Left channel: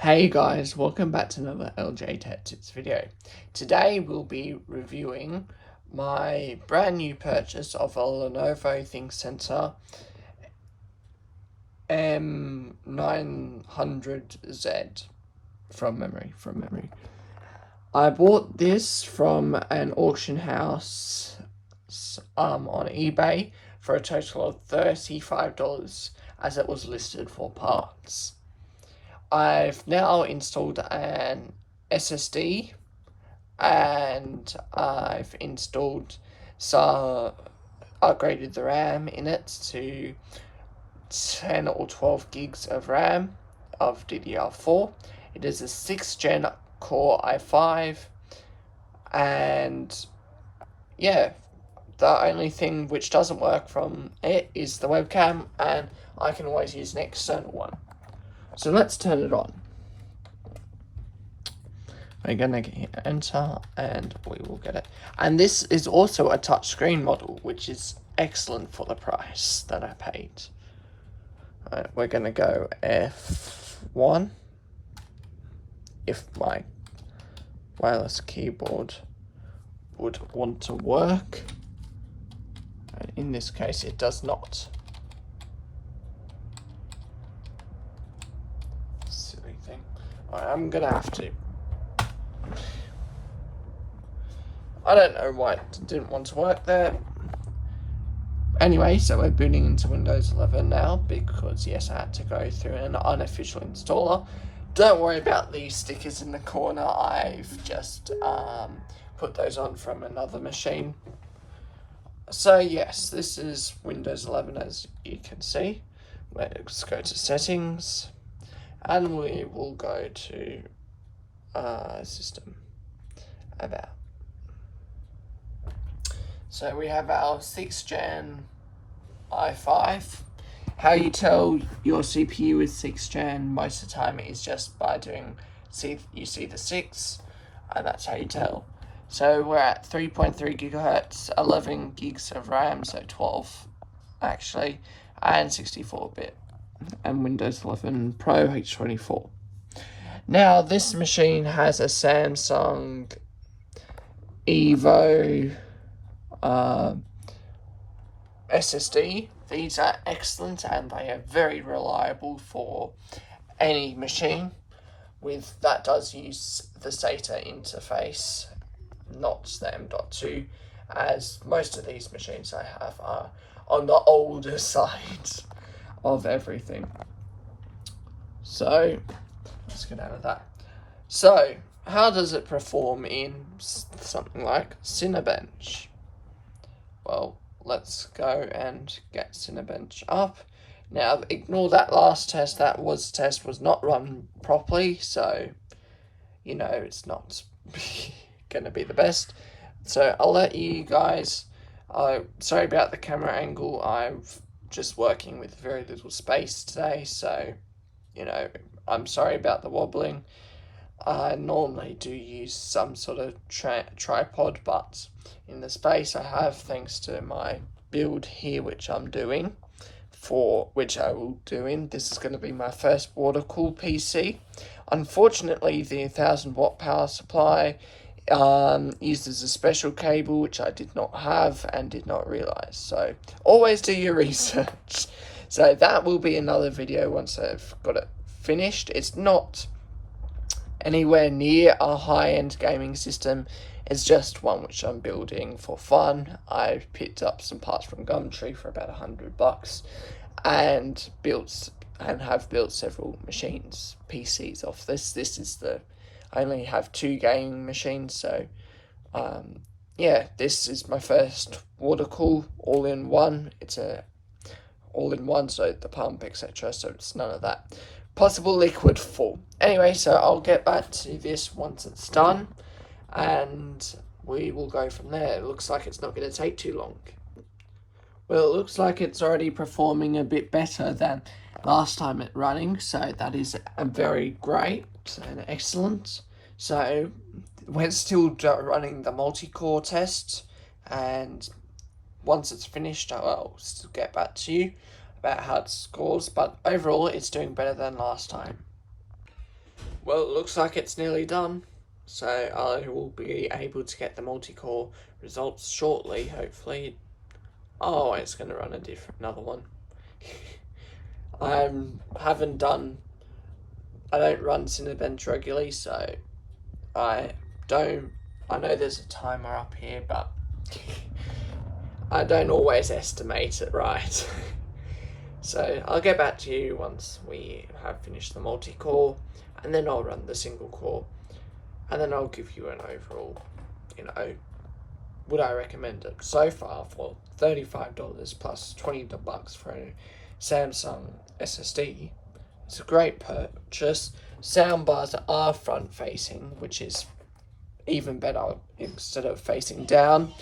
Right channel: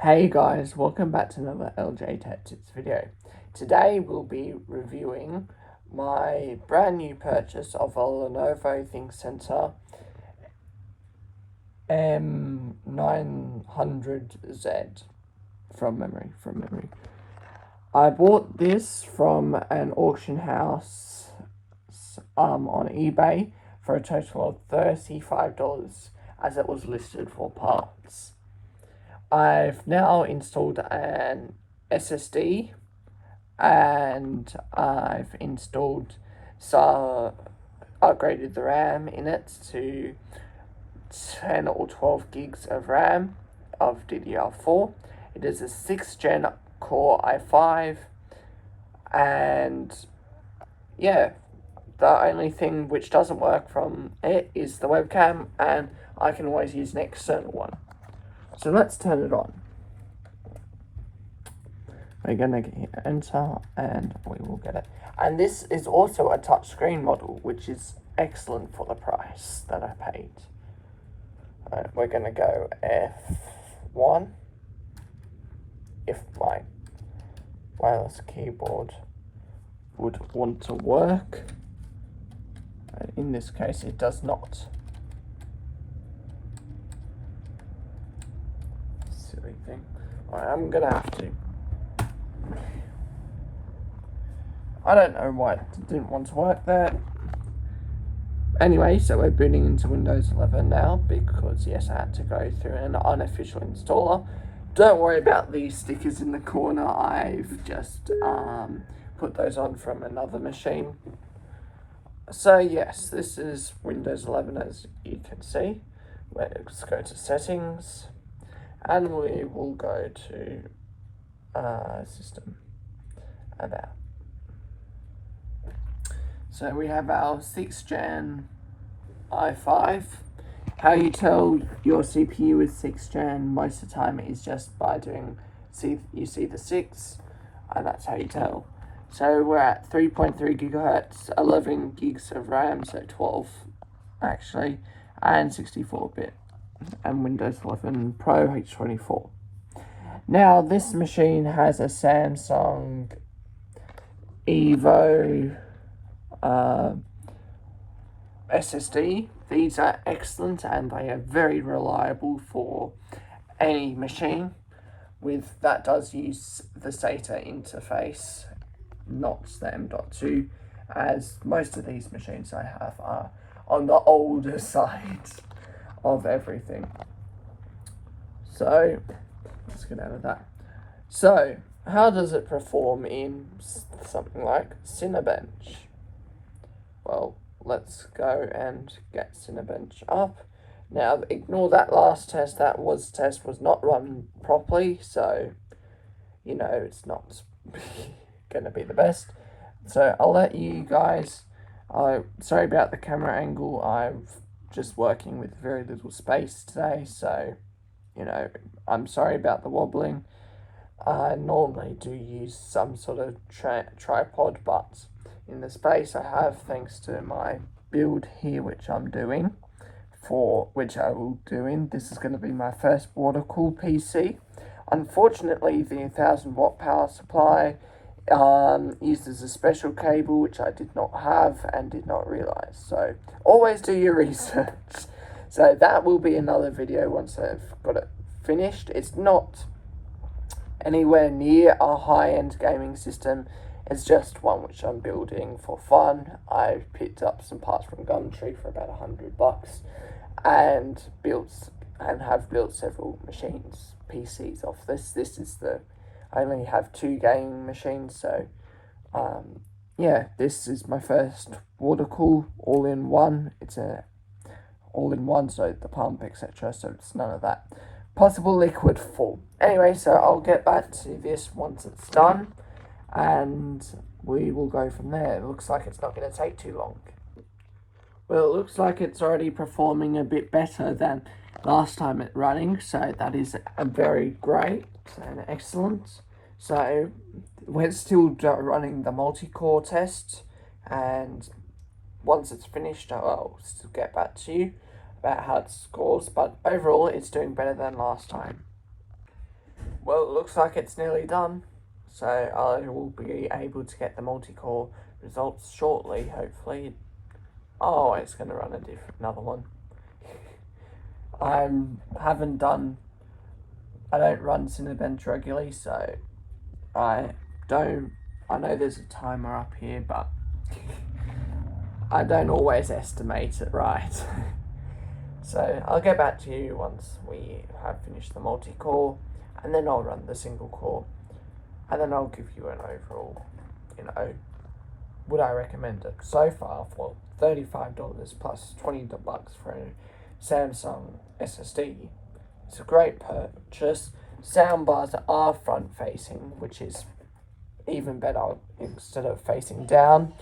Hey guys, welcome back to another LJ Tech Tips video. Today we'll be reviewing my brand new purchase of a Lenovo Think M900z from memory. I bought this from an auction house on eBay for a total of $35 as it was listed for parts. I've now installed an SSD and I've upgraded the RAM in it to 10 or 12 gigs of RAM of DDR4. It is a 6th gen Core i5, and yeah, the only thing which doesn't work from it is the webcam, and I can always use an external one. So let's turn it on. We're gonna hit enter and we will get it. And this is also a touchscreen model, which is excellent for the price that I paid. Right, we're gonna go F1 if my wireless keyboard would want to work. In this case, it does not. Silly thing. I'm gonna have to. I don't know why it didn't want to work there. Anyway, so we're booting into Windows 11 now because, yes, I had to go through an unofficial installer. Don't worry about these stickers in the corner. I've just put those on from another machine. So, yes, this is Windows 11, as you can see. Let's go to Settings, and we will go to System About. So we have our 6th gen i5. How you tell your CPU is 6th gen most of the time is just by you see the 6, and that's how you tell. So we're at 3.3 gigahertz, 11 gigs of RAM, so 12 actually, and 64-bit, and Windows 11 Pro H24. Now this machine has a Samsung Evo SSD. These are excellent and they are very reliable for any machine that does use the SATA interface, not the M.2, as most of these machines I have are on the older side of everything. So let's get out of that. So how does it perform in something like Cinebench? Well, let's go and get Cinebench up. Now, ignore that last test. That test was not run properly, so, you know, it's not going to be the best. So, I'll let you guys... sorry about the camera angle. I'm just working with very little space today, so, you know, I'm sorry about the wobbling. I normally do use some sort of tripod, but in the space I have, thanks to my build here, which I will do in. This is going to be my first water-cooled PC. Unfortunately, the 1000-watt power supply uses a special cable, which I did not have and did not realize. So always do your research. So that will be another video once I've got it finished. It's not anywhere near a high-end gaming system. It's just one which I'm building for fun. I picked up some parts from Gumtree for about $100 and have built several machines, PCs off this. I only have 2 gaming machines, so yeah, this is my first water cool all-in-one. It's a all-in-one, so the pump, etc. So it's none of that possible liquid fall. Anyway, so I'll get back to this once it's done, and we will go from there. It looks like it's not going to take too long. Well, it looks like it's already performing a bit better than last time it running, so that is very great and excellent. So we're still running the multi-core test, and once it's finished, I'll still get back to you about how it scores, but overall it's doing better than last time. Well, it looks like it's nearly done, so I will be able to get the multi-core results shortly, hopefully. Oh, it's going to run another one. I don't run Cinebench regularly, so I know there's a timer up here, but I don't always estimate it right. So I'll get back to you once we have finished the multi-core, and then I'll run the single core, and then I'll give you an overall, would I recommend it? So far, for $35 plus $20 for a Samsung SSD, it's a great purchase. Soundbars are front facing, which is even better instead of facing down,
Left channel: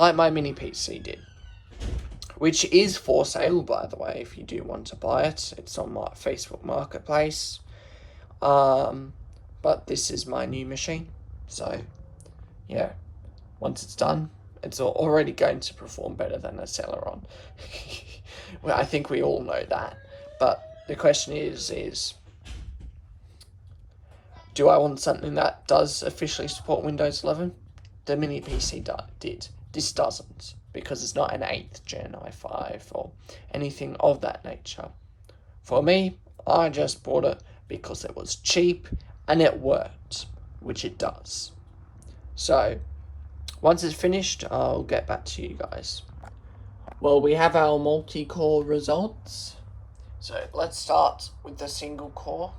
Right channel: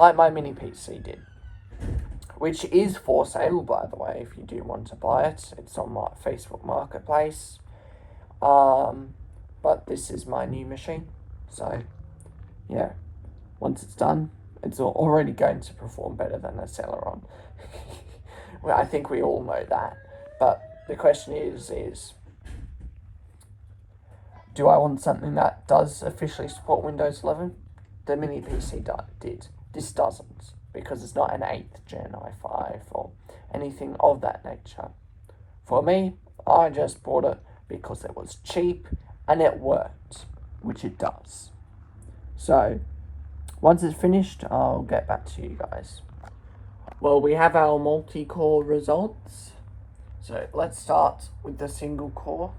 like my mini PC did. Which is for sale, by the way, if you do want to buy it. It's on my Facebook Marketplace. But this is my new machine. So, yeah, once it's done, it's already going to perform better than a Celeron. Well, I think we all know that. But the question is, do I want something that does officially support Windows 11? The mini PC did. This doesn't, because it's not an 8th gen i5 or anything of that nature. For me, I just bought it because it was cheap and it worked, which it does. So, once it's finished, I'll get back to you guys. Well, we have our multi-core results. So, let's start with the single core.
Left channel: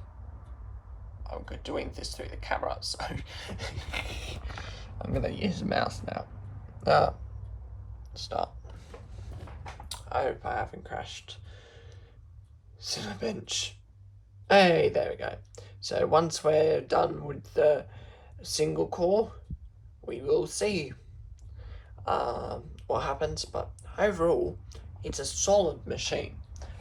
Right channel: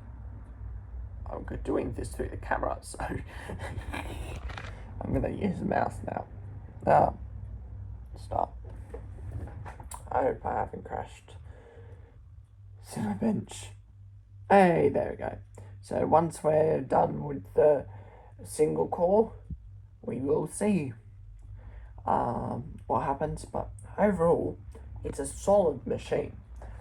I'm doing this through the camera, so I'm going to use the mouse now. Start. I hope I haven't crashed. Cinebench. Hey, there we go. So once we're done with the single core, we will see what happens. But overall, it's a solid machine.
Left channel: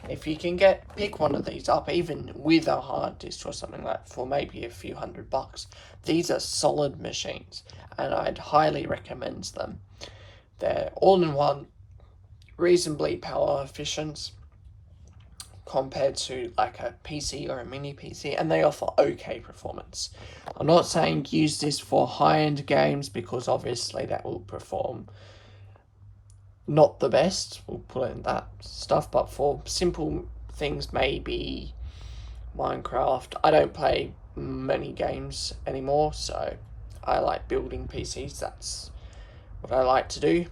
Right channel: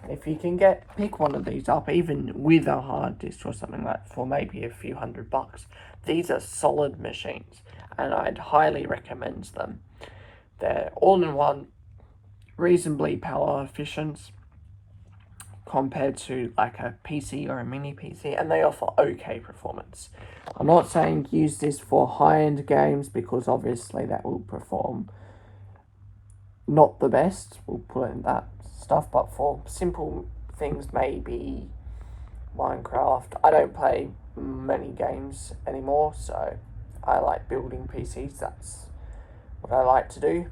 And if you can pick one of these up, even with a hard disk or something like that, for maybe a few $100, these are solid machines, and I'd highly recommend them. They're all-in-one, reasonably power efficient compared to like a PC or a mini PC, and they offer okay performance. I'm not saying use this for high-end games, because obviously that will perform not the best, we'll put it in that stuff, but for simple things, maybe Minecraft. I don't play many games anymore, so I like building PCs. That's what I like to do.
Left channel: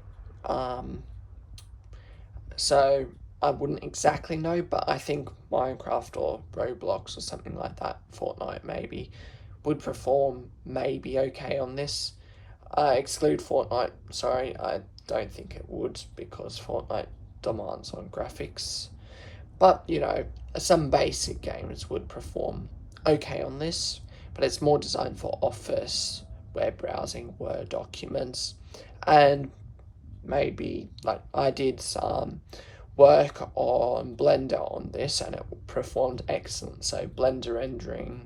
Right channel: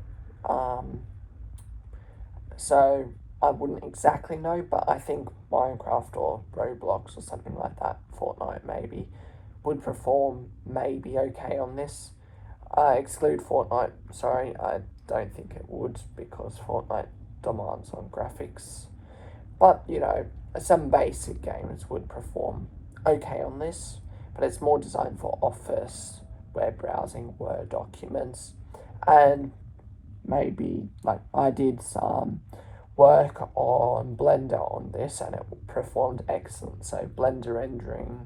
So I wouldn't exactly know, but I think Minecraft or Roblox or something like that, Fortnite maybe, would perform maybe okay on this. Exclude Fortnite, sorry, I don't think it would, because Fortnite demands on graphics. But, some basic games would perform okay on this, but it's more designed for Office, web browsing, Word documents, and maybe, like, I did some work on Blender on this, and it performed excellent. So Blender rendering,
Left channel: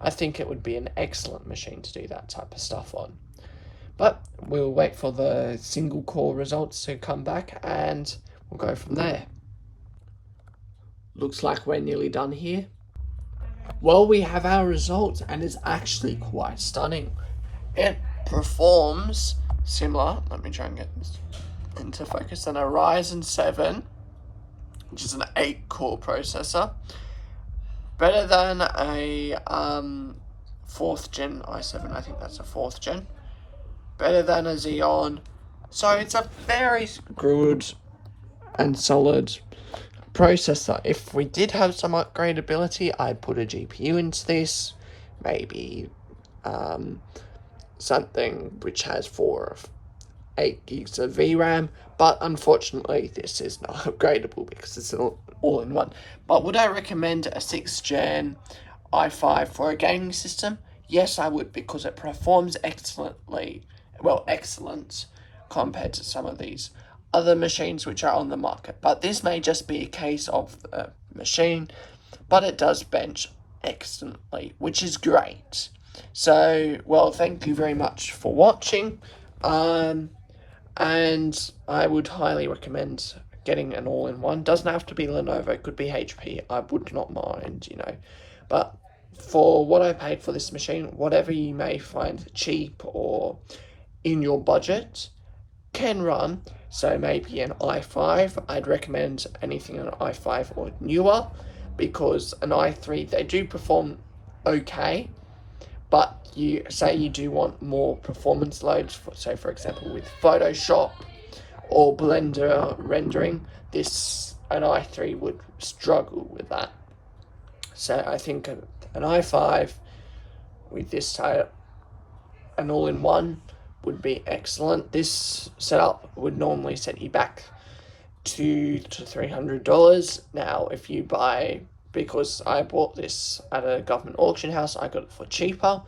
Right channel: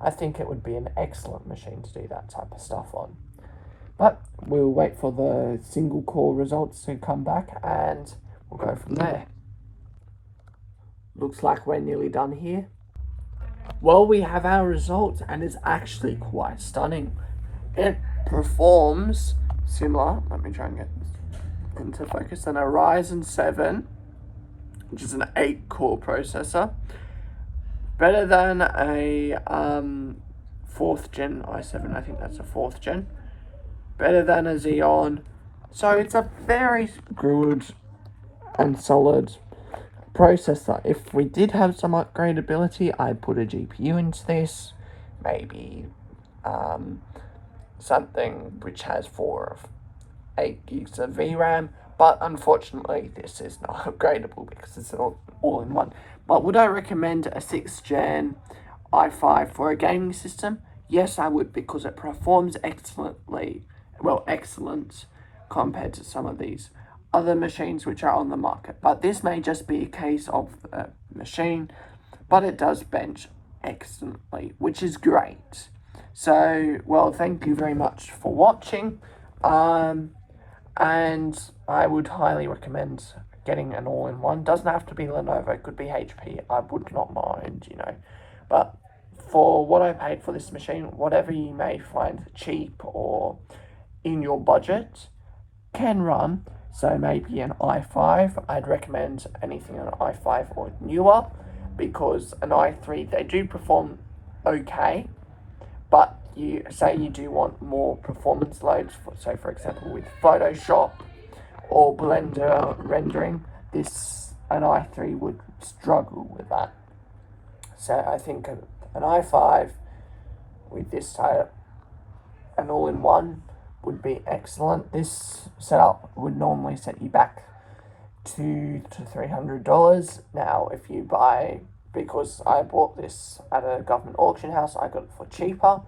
I think it would be an excellent machine to do that type of stuff on. But we'll wait for the single core results to come back, and we'll go from there. Looks like we're nearly done here. Well, we have our results, and it's actually quite stunning. It performs similar, let me try and get this into focus, than a Ryzen 7, which is an 8-core processor. Better than a 4th gen i7, I think that's a 4th gen. Better than a Xeon. So it's a very good and solid processor. If we did have some upgradability, I'd put a GPU into this. Maybe something which has 4 or 8 gigs of VRAM. But unfortunately, this is not upgradable because it's all in one. But would I recommend a 6th gen i5 for a gaming system? Yes, I would, because it performs excellently. Well, excellent compared to some of these other machines which are on the market. But this may just be a case of the machine, but it does bench excellently, which is great. So, well, thank you very much for watching. And I would highly recommend getting an all-in-one. Doesn't have to be Lenovo, it could be HP. I would not mind, But for what I paid for this machine, whatever you may find cheap or in your budget can run. So maybe an i5, I'd recommend anything on an i5 or newer, because an i3, they do perform okay, but you say you do want more performance loads, for example with Photoshop or Blender rendering, an i3 would struggle with that. So I think an i5 with this setup, an all-in-one, would be excellent. This setup would normally set you back $200 to $300. Now, if you buy, because I bought this at a government auction house, I got it for cheaper,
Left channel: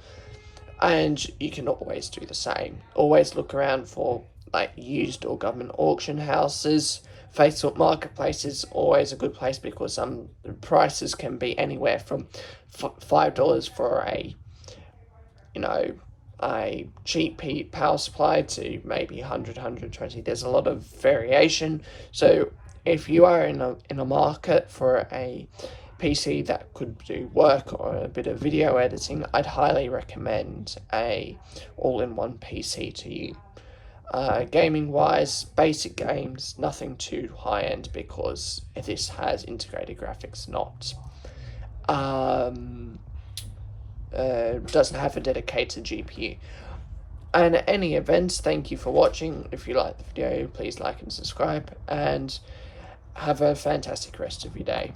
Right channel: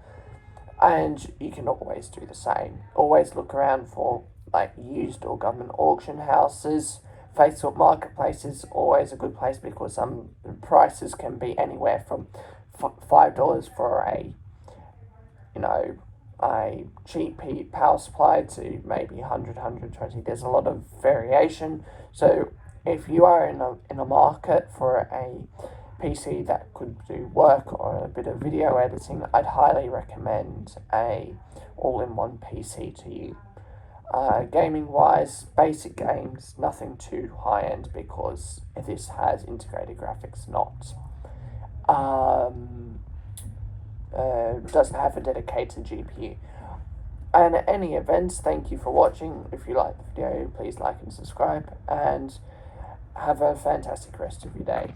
and you can always do the same. Always look around for like used or government auction houses. Facebook Marketplace is always a good place, because prices can be anywhere from $5 for a cheap power supply to maybe 120. There's a lot of variation. So if you are in a market for a PC that could do work or a bit of video editing, I'd highly recommend a all-in-one PC to you. Gaming wise, basic games, nothing too high end, because this has integrated graphics, not doesn't have a dedicated GPU. And at any events, thank you for watching. If you like the video, please like and subscribe, and have a fantastic rest of your day.